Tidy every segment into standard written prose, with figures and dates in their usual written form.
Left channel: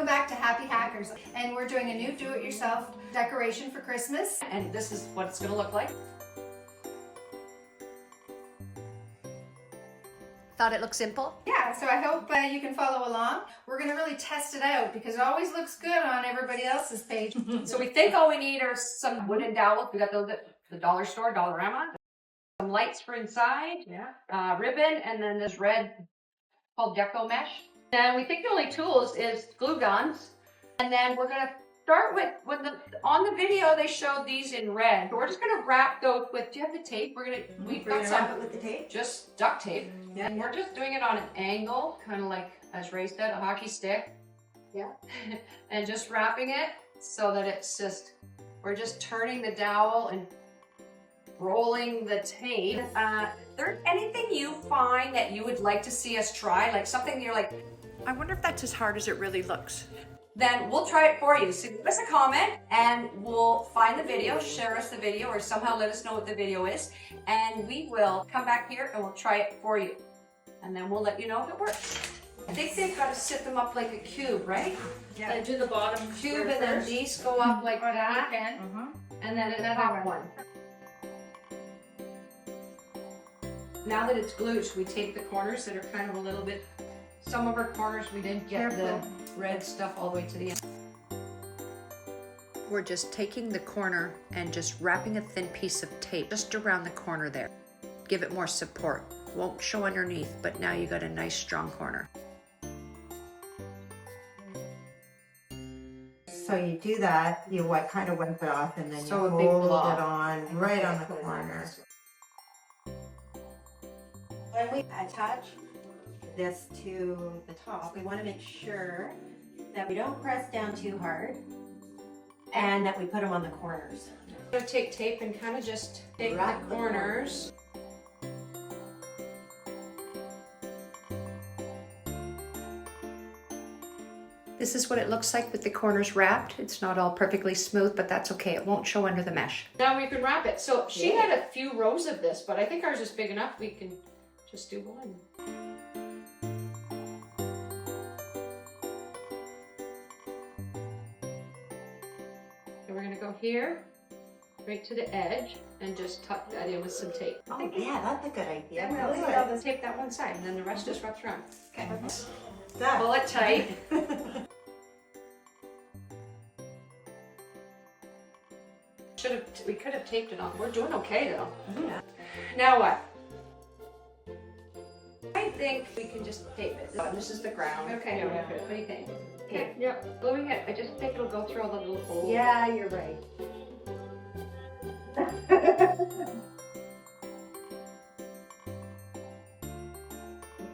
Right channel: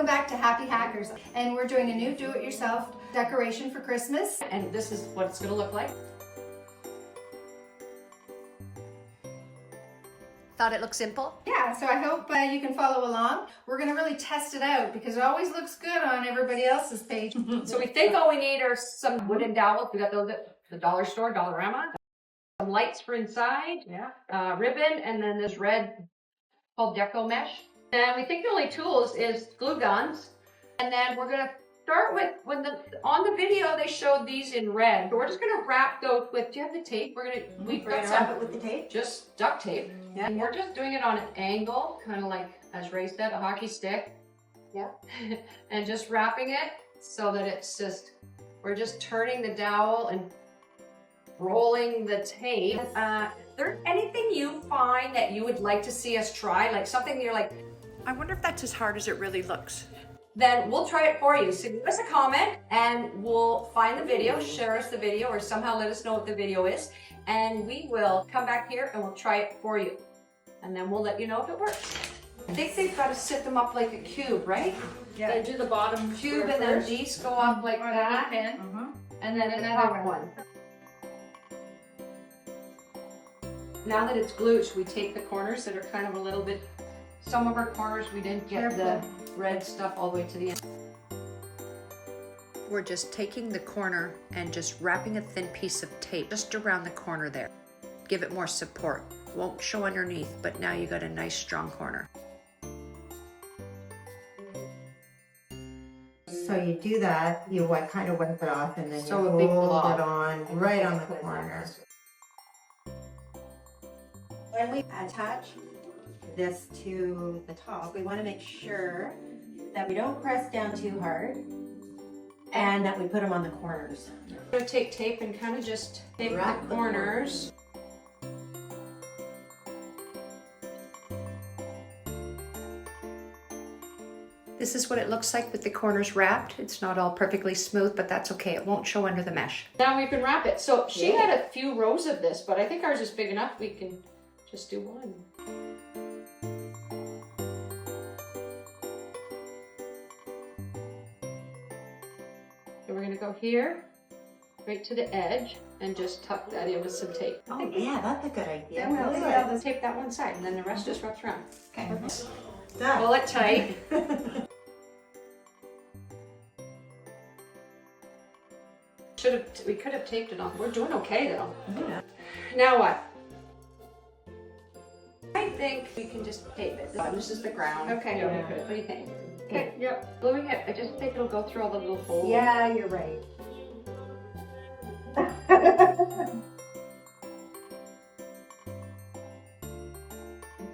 Welcome back to Happy Hackers, and we're doing a new do-it-yourself decoration for Christmas. And this is what it's going to look like. Thought it looked simple? Yeah, so I hope you can follow along. We're going to really test it out because it always looks good on everybody else's page. So we think all we need are some wooden dowels. We got those at the dollar store, Dollarama. Some lights for inside, ribbon, and then this red called deco mesh. And we think the only tools is glue guns. And then we're going to start with, on the video they showed these in red. So we're just going to wrap those with, do you have the tape? We're going to wrap it with the tape? Just duct tape. Yeah. And we're just doing it on an angle, kind of like, as Ray said, a hockey stick. Yeah. And just wrapping it so that it's just, we're just turning the dowel and rolling the tape. There anything you find that you would like to see us try? Like something you're like, I wonder if that's as hard as it really looks. then we'll try it for you. So give us a comment and we'll find the video, share us the video, or somehow let us know what the video is. And we will come back here and we'll try it for you. And then we'll let you know if it works. I think they've got to sit them up like a cube, right? Yeah. They do the bottom Cube, and then these go up like that. And then another one. Now that it's glued, should we take the corners that are kind of a little bit, some of our corners we didn't get the red stuff all the way to the end. We're just taking the corner and just wrapping a thin piece of tape just around the corner there. Give it more support. Won't show underneath, but now you got a nice strong corner. So you do that, you kind of wipe it off, and then you So a big hold blob. it on right on the corner. When we attach this to the top, we want to make sure that we don't press down too hard and that we put them on the corners. I'm going to take tape and kind of just take Wrap the the corners. This is what it looks like with the corners wrapped. It's not all perfectly smooth, but that's okay. It won't show under the mesh. Now we can wrap it. So she had a few rows of this, but I think ours is big enough. We can just do one. So we're going to go here, right to the edge, and just tuck that in with some tape. Oh yeah, that's a good idea. I'll just tape that one side, and then the rest just wraps around. Okay. Done. Pull it tight. We could have taped it on. We're doing okay though. Yeah. Now what? I think we can just tape it. This is the ground. Okay. Yeah, we could. What do you think? Okay. Yep. Gluing it. I just think it'll go through all the little holes. Yeah, you're right.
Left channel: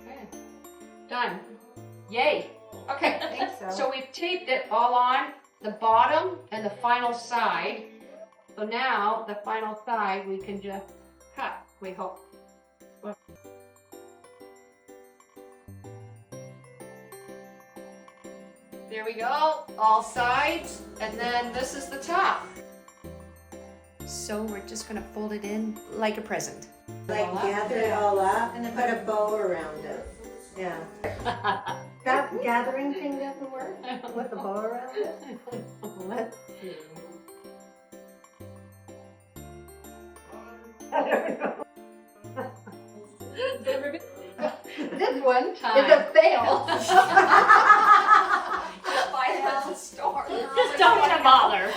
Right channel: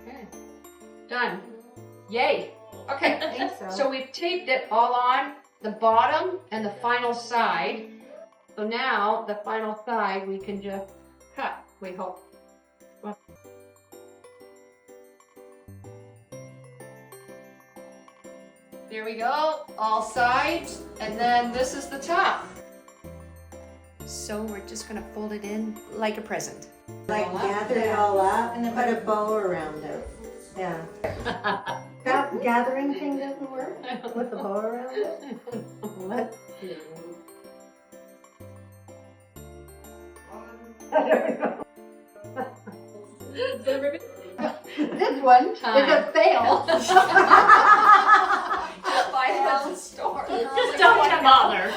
Okay. Done. Yay. Okay. I think so. So we've taped it all on the bottom and the final side. So now the final side we can just cut, we hope. There we go, all sides, and then this is the top. So we're just gonna fold it in like a present. Like gather it all up and then put a bow around it. Yeah. Gathering thing doesn't work with the bow around it? Let's see. I don't know. This one is a fail. Just buy them at the store. Just don't want to bother.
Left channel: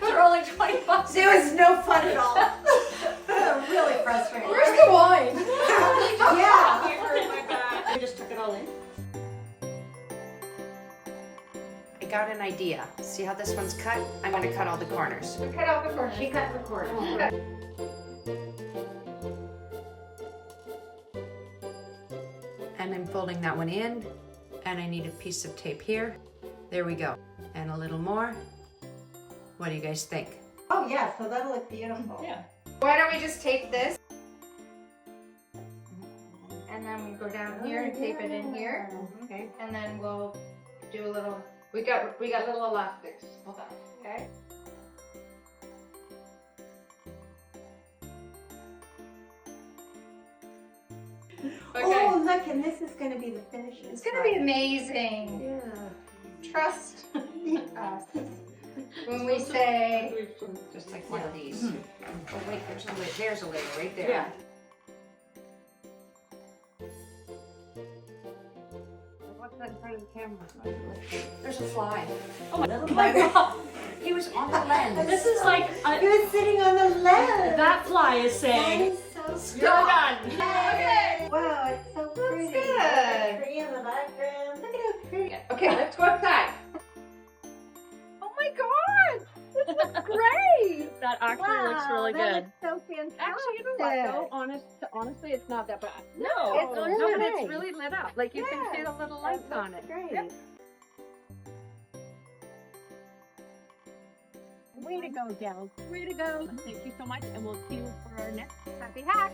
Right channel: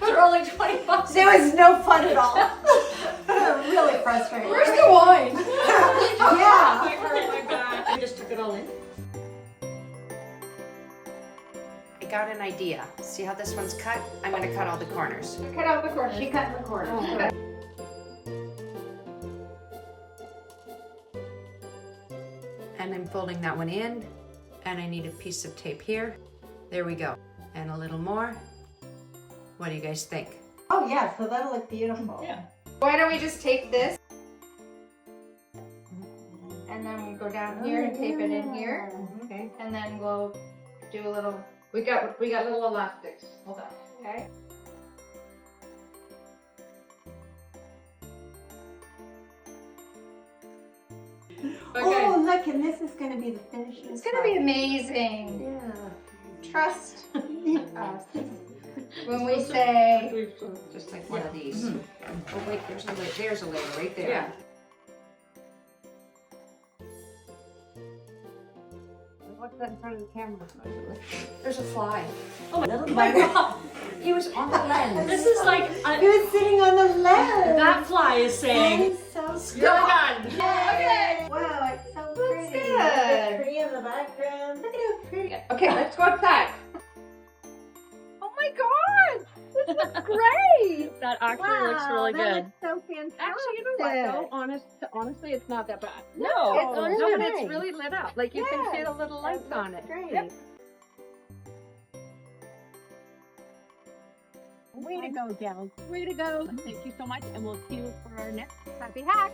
They're only 20 bucks. There was no fun at all. Really frustrating. Where's the wine? Yeah. I hurt my back. I just took it all in. I got an idea. See how this one's cut? I'm gonna cut all the corners. Cut out the corner. She cut the corner. And I'm folding that one in, and I need a piece of tape here. There we go. And a little more. What do you guys think? Oh yeah, so that'll look beautiful. Yeah. Why don't we just tape this? And then we go down here and tape it in here. Okay. And then we'll do a little, We got little elastics. Hold on. okay? Oh look, and this is going to be the finishing. It's gonna be amazing. Yeah. trust us when we say, Just like one of these. Oh wait, there's a layer. There's a layer right there. yeah. What's that in front of the camera? There's a fly. Oh my God. He was on the lens. This is like He was sitting on the lens. that fly is That saying, is so "You're done." Okay. Wow, it's so pretty. good. The tree in the background. Look at how pretty. Okay, let's go outside. Oh my God! This looks great! That actually looks really that good. looks so fantastic. Actually, you know what though? Honestly, it's not that bad. No, It's really no, but nice. it's really lit up. Like you can see the little lights on it. Great. Yep. Way to go, gals. Way to go. Thank you so much, and we'll see you for our next happy hack.